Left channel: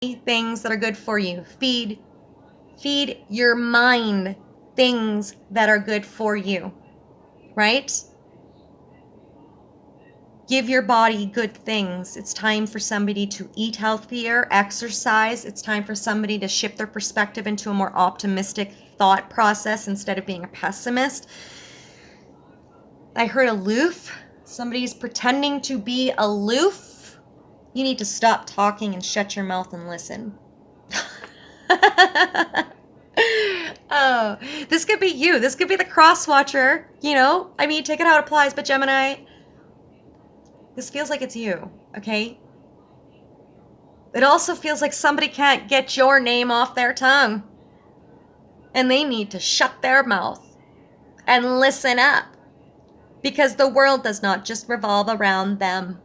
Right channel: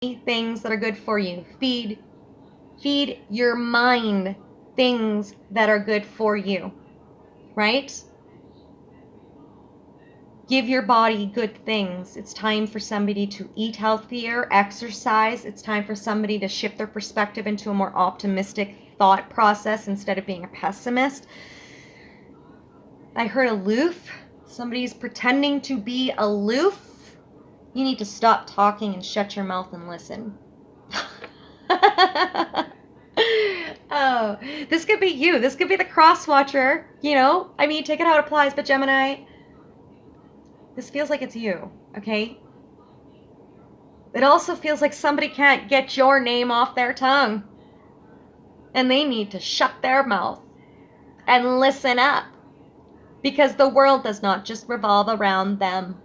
things that are good for you. Feed your mind things that are good for you, right? Give your body good things. It's time for somebody to eat healthier, exercise. It's time for somebody to shift their perspective into a more optimistic thought process instead of being a pessimist. I heard aloof. Somebody's pretending to be aloof. You need to stop talking and shut your mouth and listen. Oh, this could be you. This could be the cross watcher, you know? I mean, take it how it applies, but Gemini, this feels like it's you, okay? It also feels like somebody can't get your name off their tongue. And they need to shut their mouth and listen up. Because the world does not just revolve around them.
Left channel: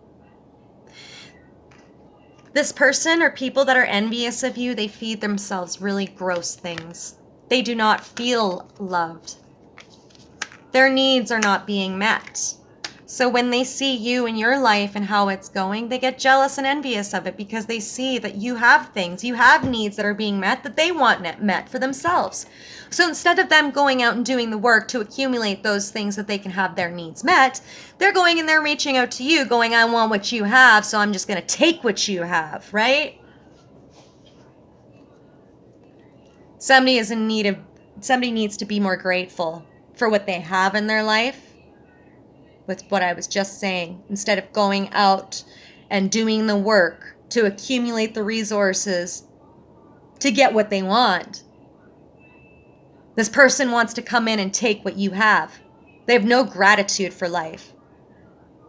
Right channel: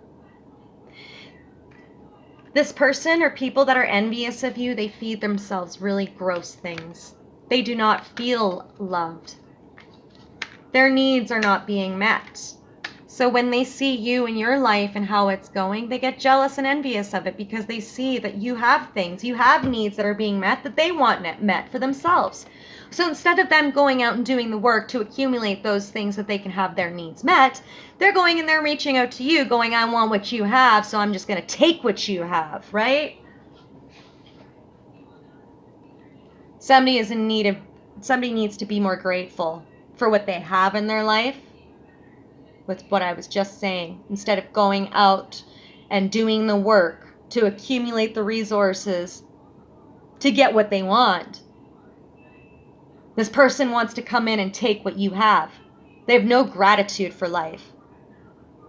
This person or people that are envious of you, they feed themselves really gross things. They do not feel loved. Their needs are not being met. So when they see you in your life and how it's going, they get jealous and envious of it because they see that you have things, you have needs that are being met that they want met for themselves. So instead of them going out and doing the work to accumulate those things that they can have their needs met, they're going and they're reaching out to you going, I want what you have, so I'm just going to take what you have, right? Somebody needs to be more grateful for what they have in their life. With what I was just saying, instead of going out and doing the work to accumulate the resources to get what they want. This person wants to come in and take what you have. They have no gratitude for life.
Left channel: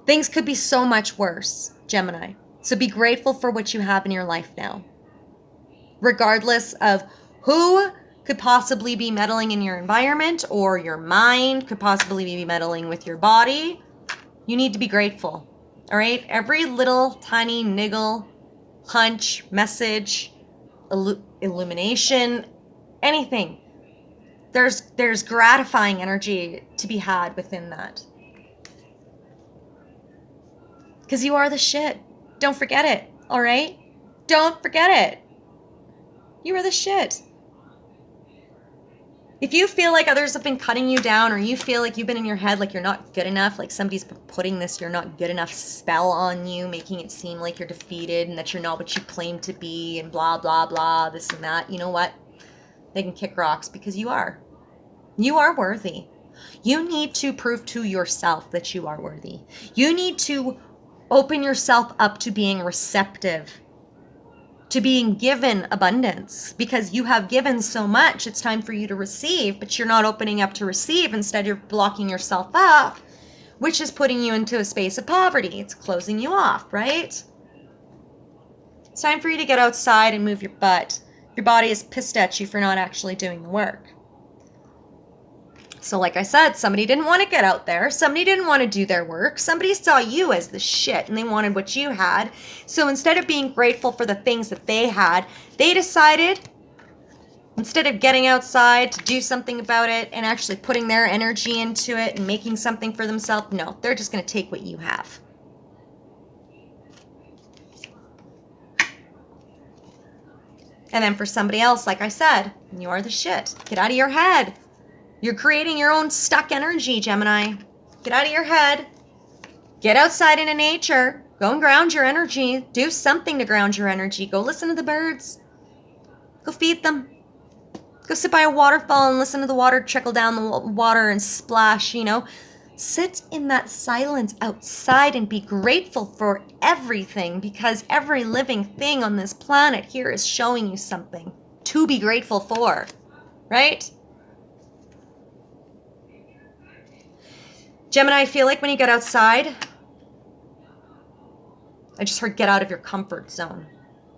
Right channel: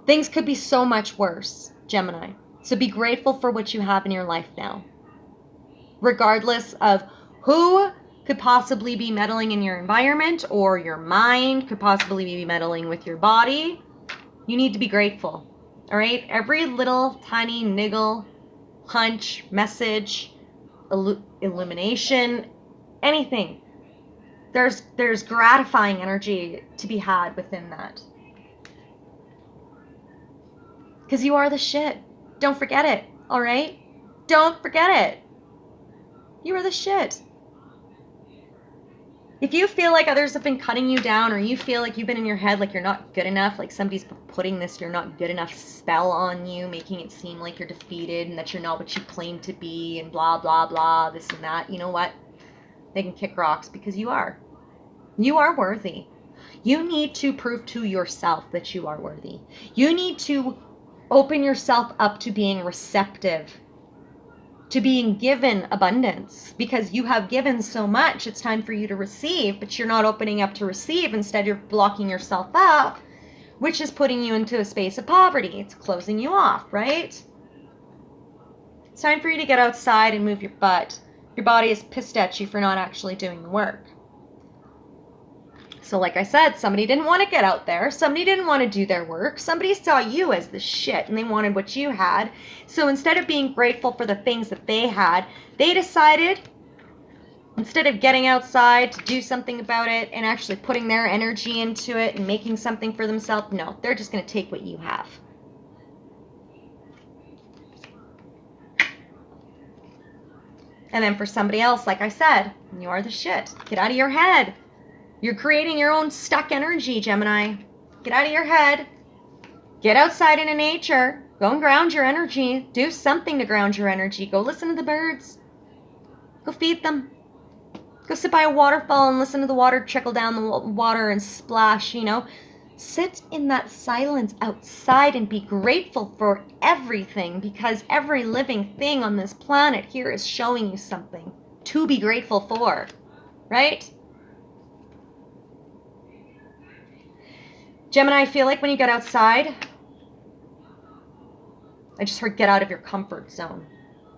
Things could be so much worse, Gemini. So be grateful for what you have in your life now. Regardless of who could possibly be meddling in your environment or your mind could possibly be meddling with your body, you need to be grateful, all right? Every little tiny niggle, hunch, message, illumination, anything, there's gratifying energy to be had within that. Because you are the shit. Don't forget it, all right? Don't forget it. You are the shit. If you feel like others have been cutting you down or you feel like you've been in your head like you're not good enough, like somebody's putting this you're not good enough spell on you, making it seem like you're defeated and that you're not what you claim to be and blah, blah, blah, this and that, you know what? They can kick rocks because you are. You are worthy. You need to prove to yourself that you are worthy. You need to open yourself up to being receptive, to being given abundance, because you have given so much. It's time for you to receive, but you're not opening up to receive. Instead, you're blocking yourself up, which is putting you into a space of poverty. It's closing you off, right? It's time for you to get outside and move your butt. Your body is pissed at you for not actually doing the work. So like I said, somebody didn't want to get out there. Somebody didn't want to do their work. Somebody saw you as the shit and they wanted what you had. So instead of being grateful for the things that they had, they decided, instead of getting outside to do something about it and actually putting their energy into it and making something for themselves, no, they're just going to take what you have. And then for somebody else, like I said, you are the shit. Get out of your head. You're creating your own stuck energy, Gemini. Get out of your head. Get outside into nature. Go and ground your energy. Do something to ground your energy. Go listen to the birds. Go feed them. Go sit by a waterfall and listen to the water trickle down the water and splash, you know. Sit in that silence outside and be grateful for everything, because every living thing on this planet here is showing you something to be grateful for, right? Gemini, I feel like when you get outside, I just heard get out of your comfort zone.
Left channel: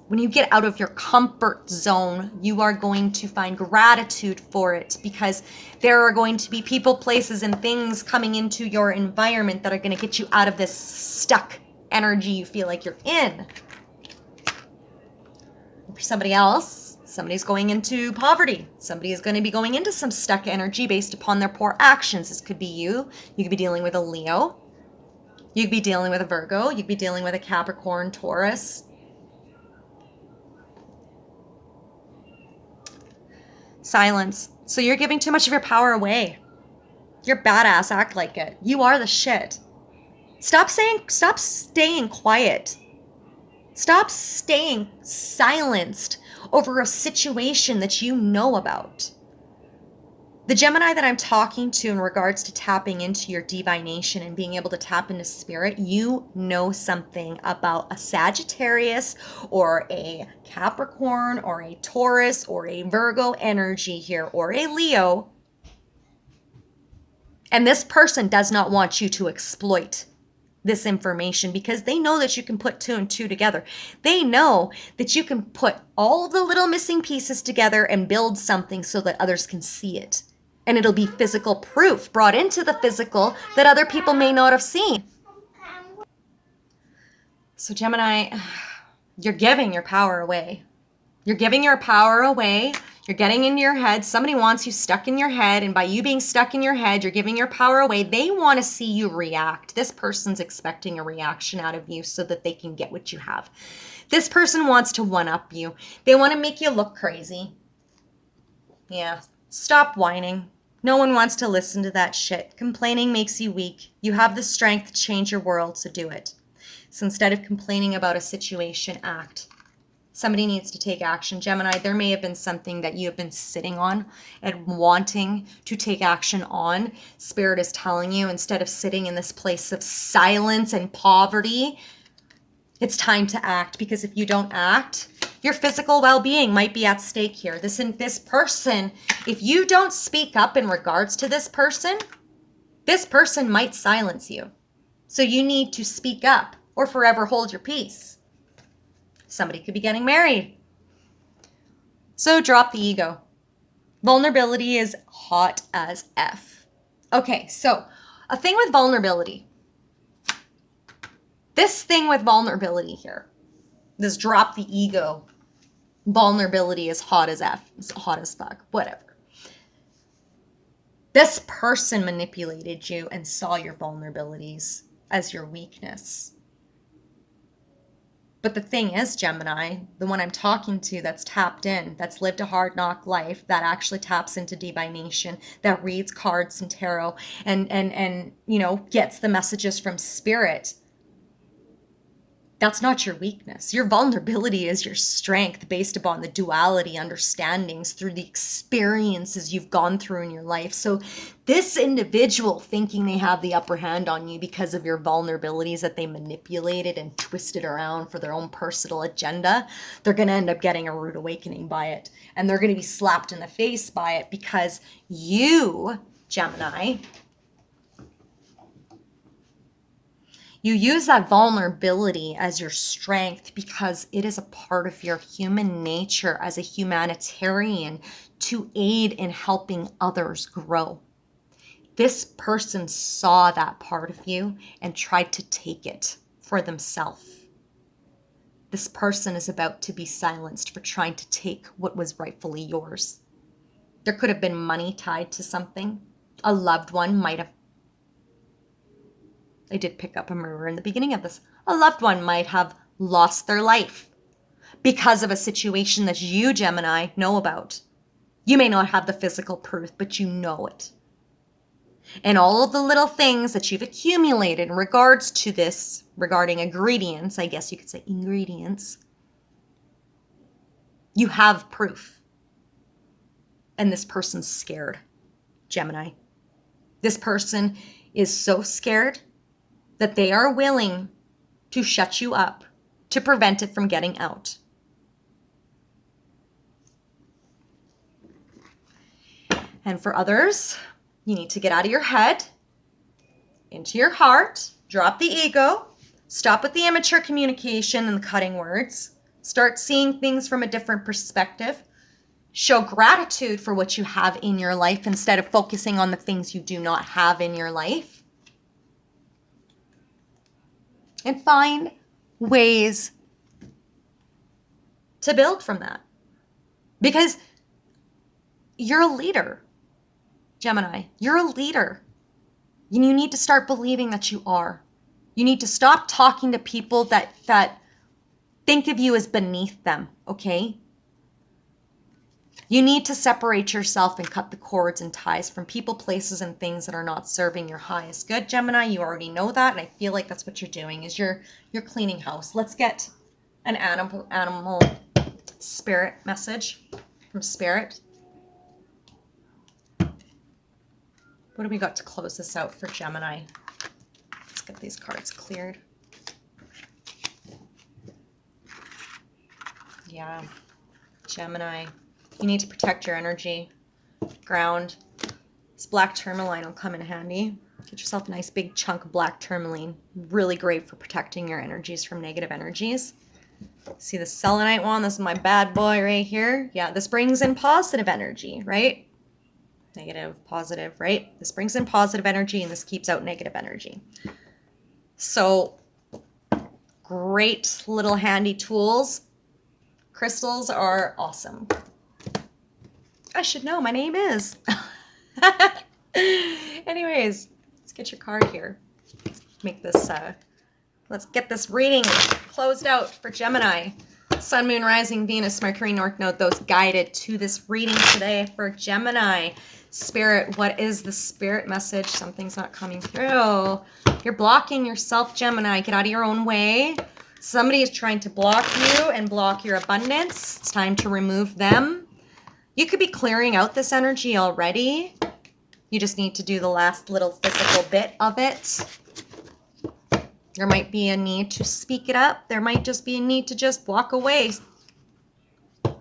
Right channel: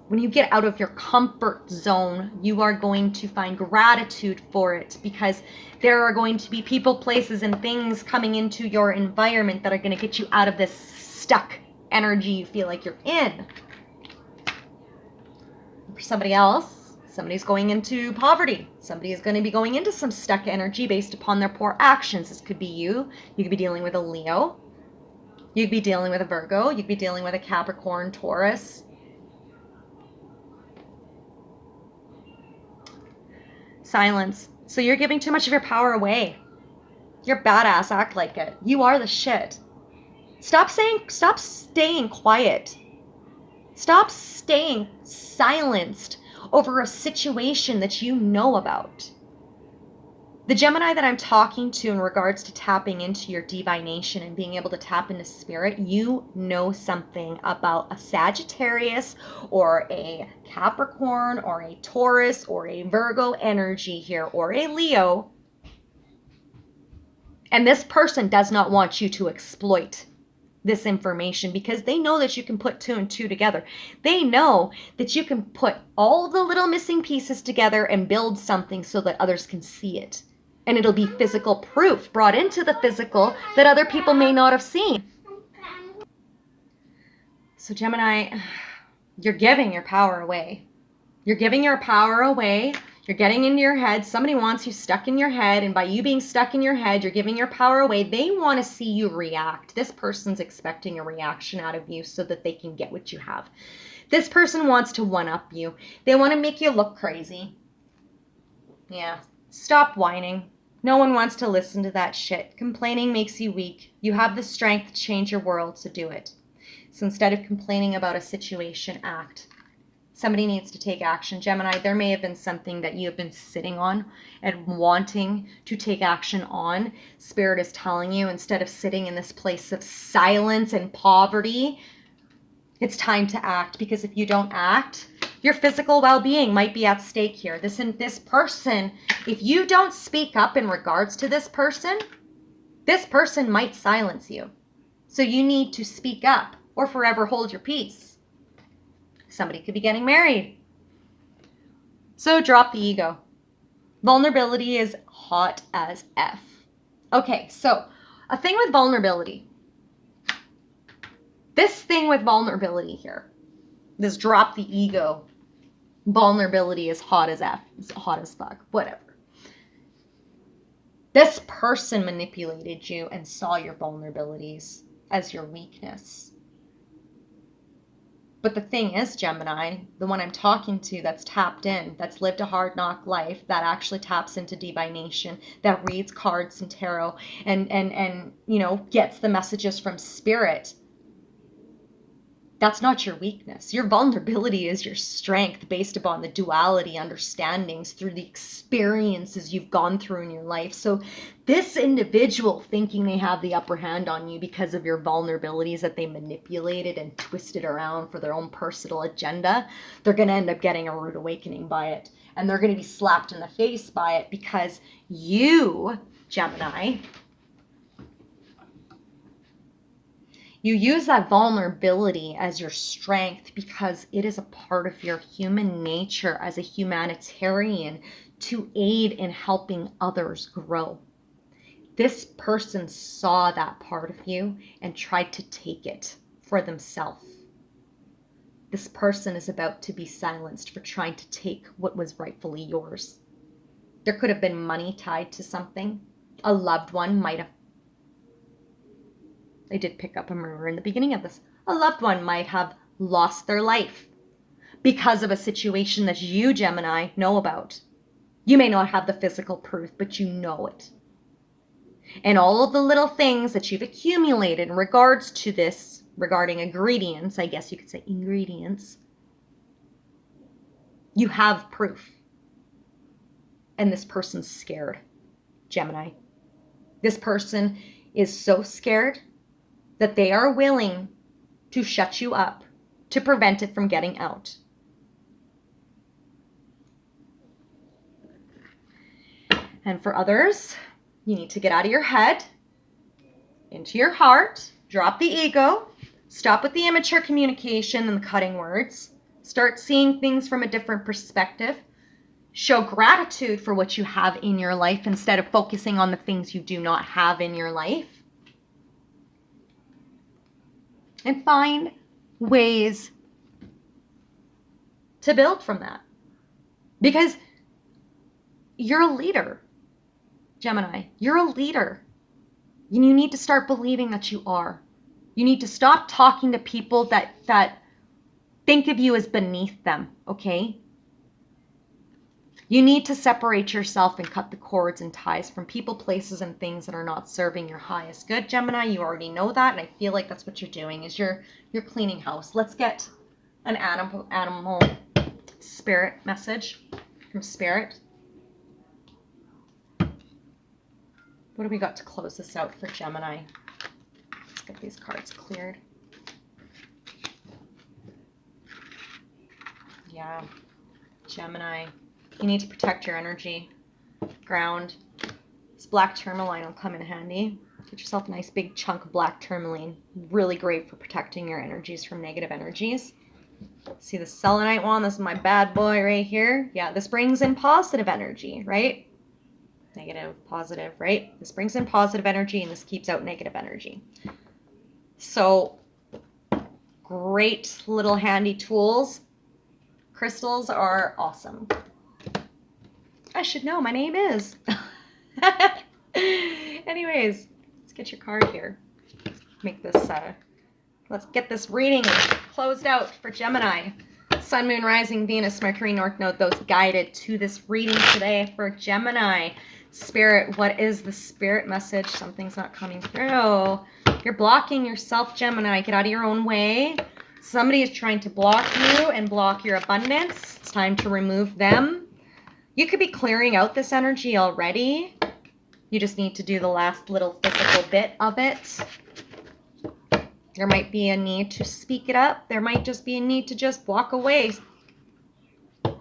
When you get out of your comfort zone, you are going to find gratitude for it, because there are going to be people, places, and things coming into your environment that are going to get you out of this stuck energy you feel like you're in. For somebody else, somebody's going into poverty. Somebody is going to be going into some stuck energy based upon their poor actions. This could be you. You could be dealing with a Leo. You could be dealing with a Virgo. You could be dealing with a Capricorn, Taurus. Silence. So you're giving too much of your power away. You're badass, act like it. You are the shit. Stop staying quiet. Stop staying silenced over a situation that you know about. The Gemini that I'm talking to in regards to tapping into your divination and being able to tap into spirit, you know something about a Sagittarius or a Capricorn or a Taurus or a Virgo energy here or a Leo. And this person does not want you to exploit this information because they know that you can put two and two together. They know that you can put all the little missing pieces together and build something so that others can see it. And it'll be physical proof brought into the physical that other people may not have seen. So Gemini, you're giving your power away. You're giving your power away. You're getting into your head. Somebody wants you stuck in your head. And by you being stuck in your head, you're giving your power away. They want to see you react. This person's expecting a reaction out of you so that they can get what you have. This person wants to one-up you. They want to make you look crazy. Yeah. Stop whining. No one wants to listen to that shit. Complaining makes you weak. You have the strength to change your world, so do it. So instead of complaining about a situation, act. Somebody needs to take action. Gemini, there may have been something that you have been sitting on and wanting to take action on. Spirit is telling you, instead of sitting in this place of silence and poverty, it's time to act, because if you don't act, your physical well-being might be at stake here. This person, if you don't speak up in regards to this person might silence you. So you need to speak up or forever hold your peace. Somebody could be getting married. So drop the ego. Vulnerability is hot as F. Okay, so a thing with vulnerability. This thing with vulnerability here, this drop the ego, vulnerability is hot as F, it's hot as fuck, whatever. This person manipulated you and saw your vulnerabilities as your weakness. But the thing is, Gemini, the one I'm talking to that's tapped in, that's lived a hard knock life, that actually taps into divination, that reads cards and tarot and you know, gets the messages from spirit. That's not your weakness. Your vulnerability is your strength based upon the duality understandings through the experiences you've gone through in your life. So this individual thinking they have the upper hand on you because of your vulnerabilities that they manipulated and twisted around for their own personal agenda, they're going to end up getting a rude awakening by it. And they're going to be slapped in the face by it because you, Gemini, you use that vulnerability as your strength because it is a part of your human nature as a humanitarian to aid in helping others grow. This person saw that part of you and tried to take it for themselves. This person is about to be silenced for trying to take what was rightfully yours. There could have been money tied to something. A loved one might have. I did pick up a murder in the beginning of this. A loved one might have lost their life because of a situation that you, Gemini, know about. You may not have the physical proof, but you know it. And all of the little things that you've accumulated in regards to this, regarding ingredients, I guess you could say ingredients, you have proof. And this person's scared, Gemini. This person is so scared that they are willing to shut you up to prevent it from getting out. And for others, you need to get out of your head, into your heart, drop the ego, stop with the immature communication and the cutting words, start seeing things from a different perspective, show gratitude for what you have in your life instead of focusing on the things you do not have in your life. And find ways to build from that. Because you're a leader, Gemini. You're a leader. You need to start believing that you are. You need to stop talking to people that think of you as beneath them, okay? You need to separate yourself and cut the cords and ties from people, places, and things that are not serving your highest good, Gemini. You already know that, and I feel like that's what you're doing, is you're cleaning house. Let's get an animal spirit message from Spirit. What do we got to close this out for Gemini? Let's get these cards cleared. Yeah, Gemini, you need to protect your energy. Ground. This black tourmaline will come in handy. Get yourself a nice big chunk of black tourmaline. Really great for protecting your energies from negative energies. See the selenite one? This is my bad boy right here. Yeah, this brings in positive energy, right? Negative, positive, right? This brings in positive energy and this keeps out negative energy. So, great little handy tools. Crystals are awesome. I should know, my name is. Anyways, let's get your card here. Let's get this reading closed out for Gemini. Sun, Moon, Rising, Venus, Mercury, North Node, those guided to this reading today for Gemini. Spirit, what is the spirit message? Something's not coming through. You're blocking yourself, Gemini. Get out of your own way. Somebody is trying to block you and block your abundance. It's time to remove them. You could be clearing out this energy already. You just need to do the last little physical bit of it. There might be a need to speak it up. There might just be a need to just walk away.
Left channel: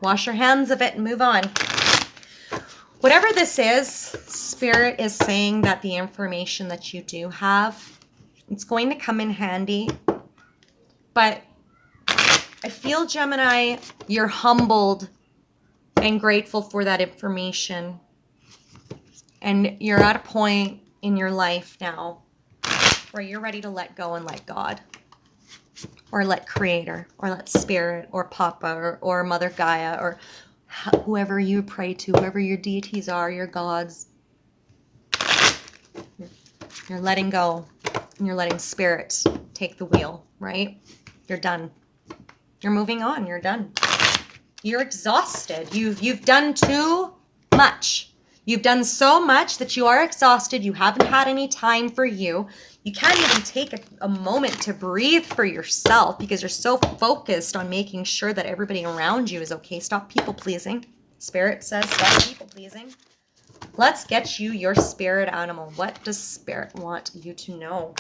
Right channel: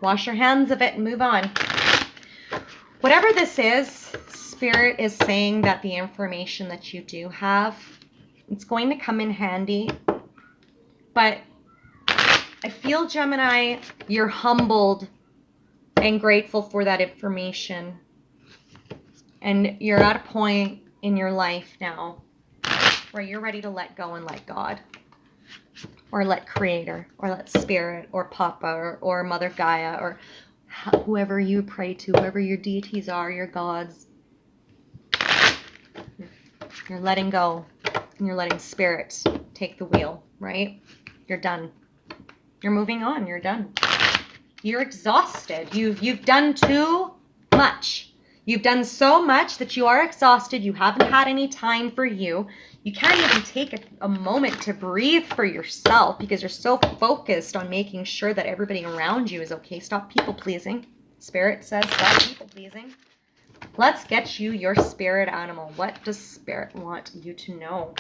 Wash your hands of it and move on. Whatever this is, Spirit is saying that the information that you do have, it's going to come in handy. But I feel, Gemini, you're humbled and grateful for that information. And you're at a point in your life now where you're ready to let go and let God. Or let Creator, or let Spirit, or Papa, or Mother Gaia, or whoever you pray to, whoever your deities are, your gods. You're letting go. And you're letting Spirit take the wheel, right? You're done. You're moving on. You're done. You're exhausted. You've done too much. You've done so much that you are exhausted. You haven't had any time for you. You can't even take a moment to breathe for yourself because you're so focused on making sure that everybody around you is okay. Stop people pleasing. Spirit says stop people pleasing. Let's get you your spirit animal. What does Spirit want you to know?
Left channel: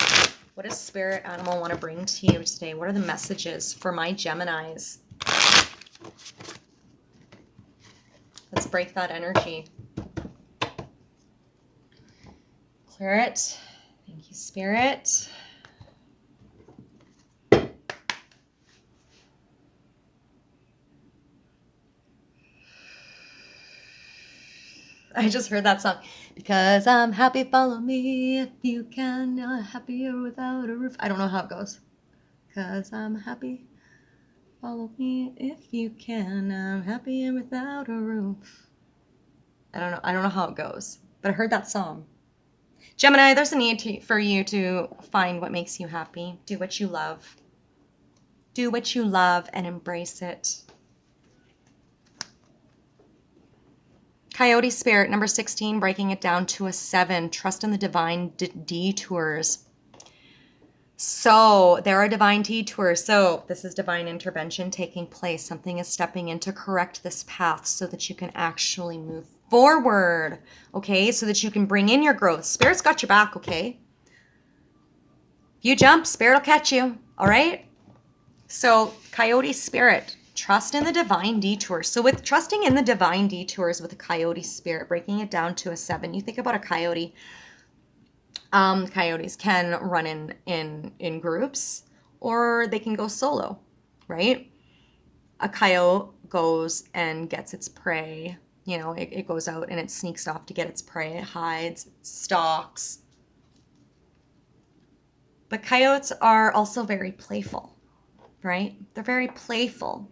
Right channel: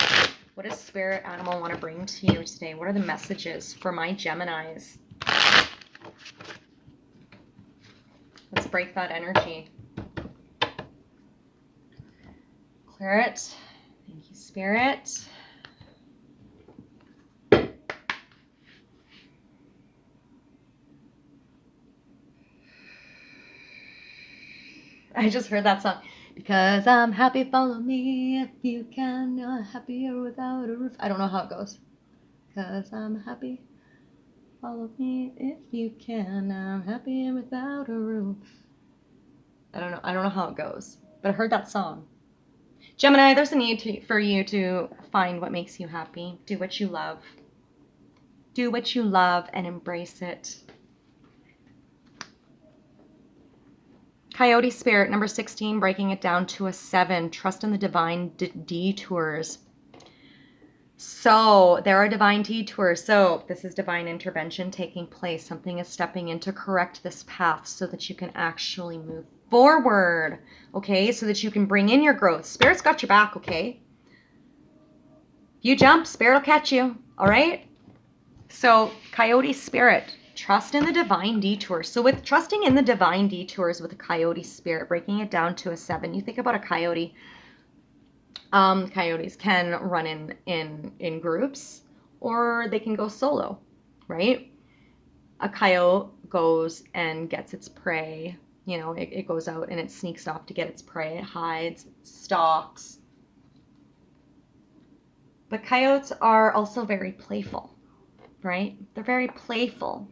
What does spirit animal want to bring to you today? What are the messages for my Geminis? Let's break that energy. Clear it. Thank you, Spirit. I just heard that song. Because I'm happy, follow me if you can. Happier without a roof. I don't know how it goes. Because I'm happy, follow me if you can. I'm happier without a roof. I don't know how it goes. But I heard that song. Gemini, there's a need for you to find what makes you happy. Do what you love. Do what you love and embrace it. Coyote Spirit, number 16, breaking it down to a 7. Trust in the divine detours. So there are divine detours. So this is divine intervention taking place. Something is stepping in to correct this path so that you can actually move forward. Okay, so that you can bring in your growth. Spirit's got your back, okay? You jump, Spirit will catch you. All right? So Coyote Spirit, trust in the divine detours. So with trusting in the divine detours with a Coyote Spirit, breaking it down to a 7, you think about a coyote. Coyotes can run in groups or they can go solo, right? A coyote goes and gets its prey. You know, it goes out and it sneaks off to get its prey. It hides, it stalks. But coyotes are also very playful, right? They're very playful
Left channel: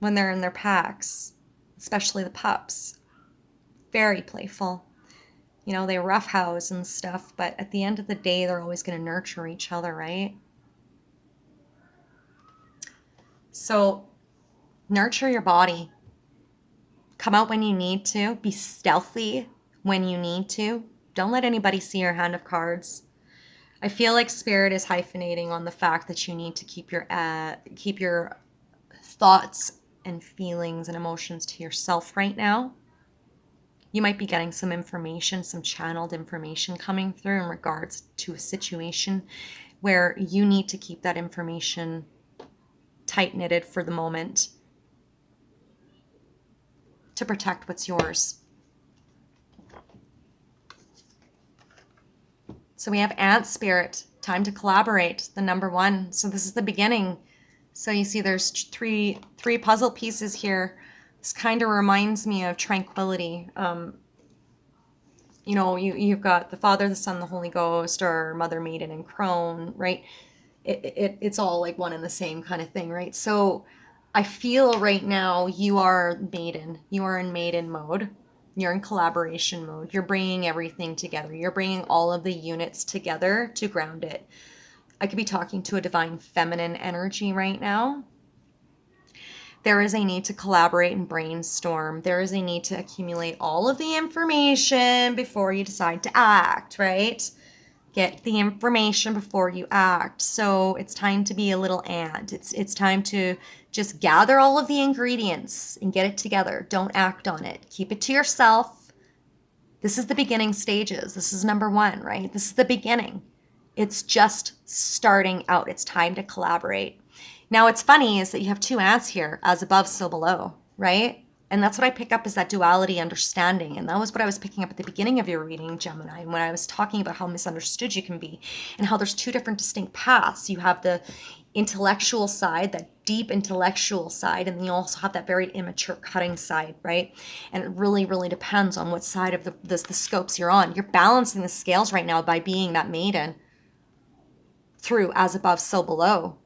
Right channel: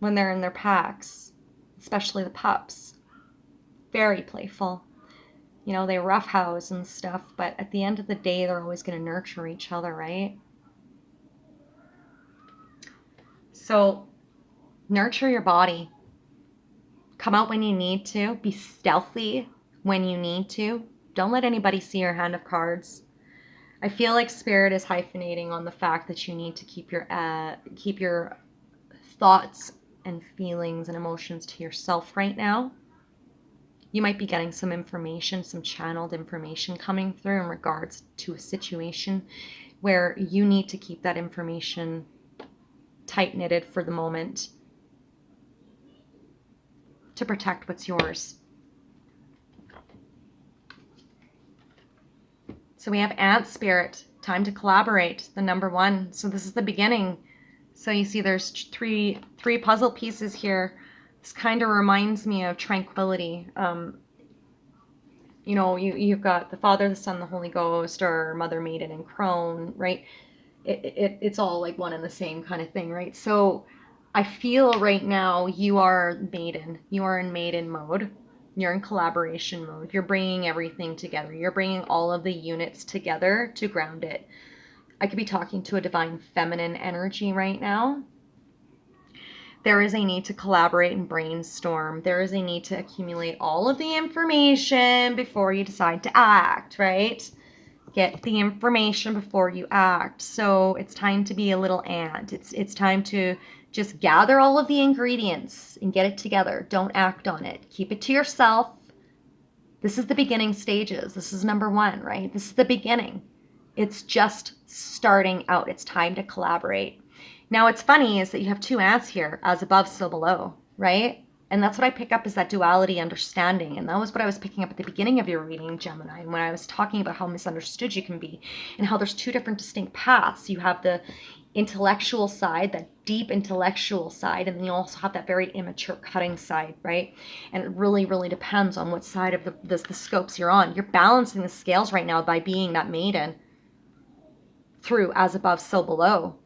when they're in their packs, especially the pups. Very playful. You know, they roughhouse and stuff, but at the end of the day, they're always going to nurture each other, right? So, nurture your body. Come out when you need to. Be stealthy when you need to. Don't let anybody see your hand of cards. I feel like Spirit is hyphenating on the fact that you need to keep your thoughts and feelings and emotions to yourself right now. You might be getting some information, some channeled information coming through in regards to a situation where you need to keep that information tight-knitted for the moment to protect what's yours. So we have Ant Spirit, time to collaborate, the number one. So this is the beginning. So you see there's three puzzle pieces here. This kind of reminds me of tranquility. You know, you've got the Father, the Son, the Holy Ghost, or Mother, Maiden, and Crone, right? It's all like one and the same kind of thing, right? So I feel right now you are Maiden. You are in Maiden mode. You're in collaboration mode. You're bringing everything together. You're bringing all of the units together to ground it. I could be talking to a divine feminine energy right now. There is a need to collaborate and brainstorm. There is a need to accumulate all of the information before you decide to act, right? Get the information before you act. So it's time to be a little ant. It's time to just gather all of the ingredients and get it together. Don't act on it. Keep it to yourself. This is the beginning stages. This is number one, right? This is the beginning. It's just starting out. It's time to collaborate. Now, what's funny is that you have two ants here, as above, so below, right? And that's what I pick up is that duality understanding. And that was what I was picking up at the beginning of your reading, Gemini, when I was talking about how misunderstood you can be and how there's two different distinct paths. You have the intellectual side, that deep intellectual side, and then you also have that very immature cutting side, right? And it really, really depends on what side of the scopes you're on. You're balancing the scales right now by being that maiden through as above, so below.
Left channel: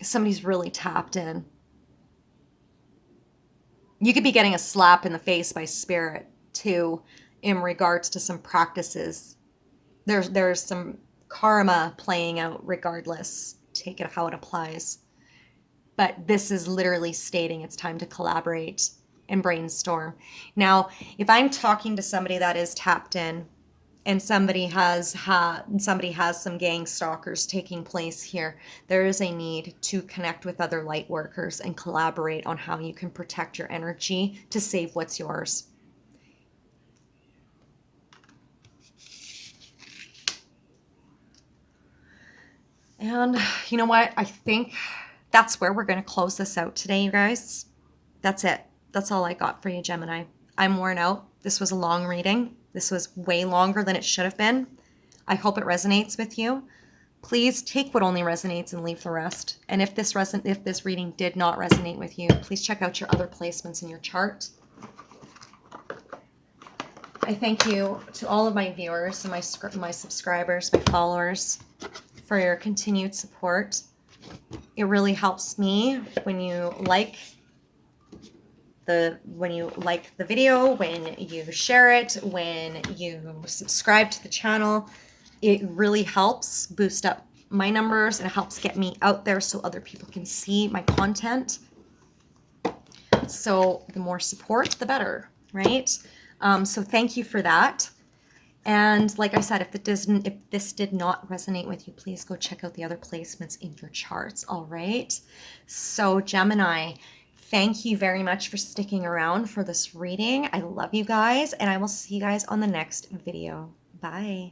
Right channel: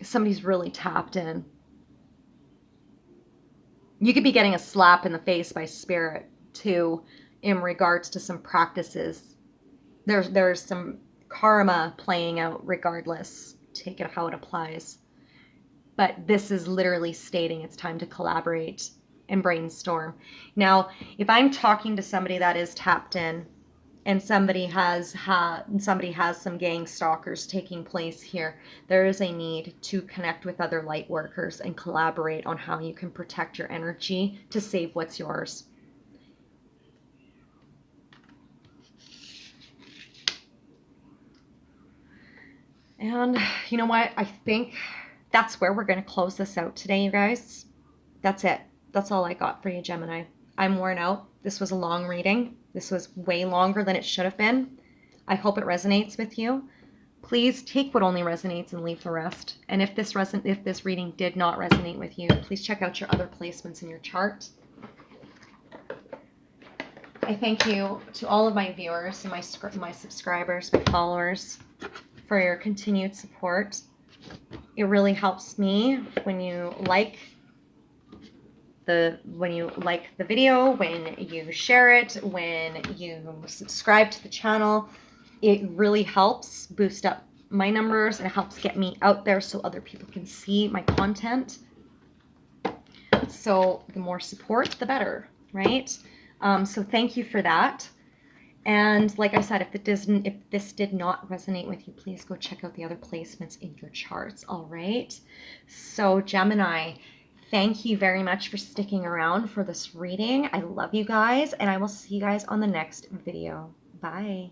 Somebody's really tapped in. You could be getting a slap in the face by Spirit too in regards to some practices. There's some karma playing out regardless. Take it how it applies. But this is literally stating it's time to collaborate and brainstorm. Now, if I'm talking to somebody that is tapped in and somebody has some gang stalkers taking place here, there is a need to connect with other light workers and collaborate on how you can protect your energy to save what's yours. And you know what? I think that's where we're going to close this out today, you guys. That's it. That's all I got for you, Gemini. I'm worn out. This was a long reading. This was way longer than it should have been. I hope it resonates with you. Please take what only resonates and leave the rest. And if this reading did not resonate with you, please check out your other placements in your chart. I thank you to all of my viewers and my subscribers, my followers, for your continued support. It really helps me when you like the video, when you share it, when you subscribe to the channel. It really helps boost up my numbers and it helps get me out there so other people can see my content. So the more support, the better, right? So thank you for that. And like I said, if this did not resonate with you, please go check out the other placements in your charts. All right. So Gemini, thank you very much for sticking around for this reading. I love you guys, and I will see you guys on the next video. Bye.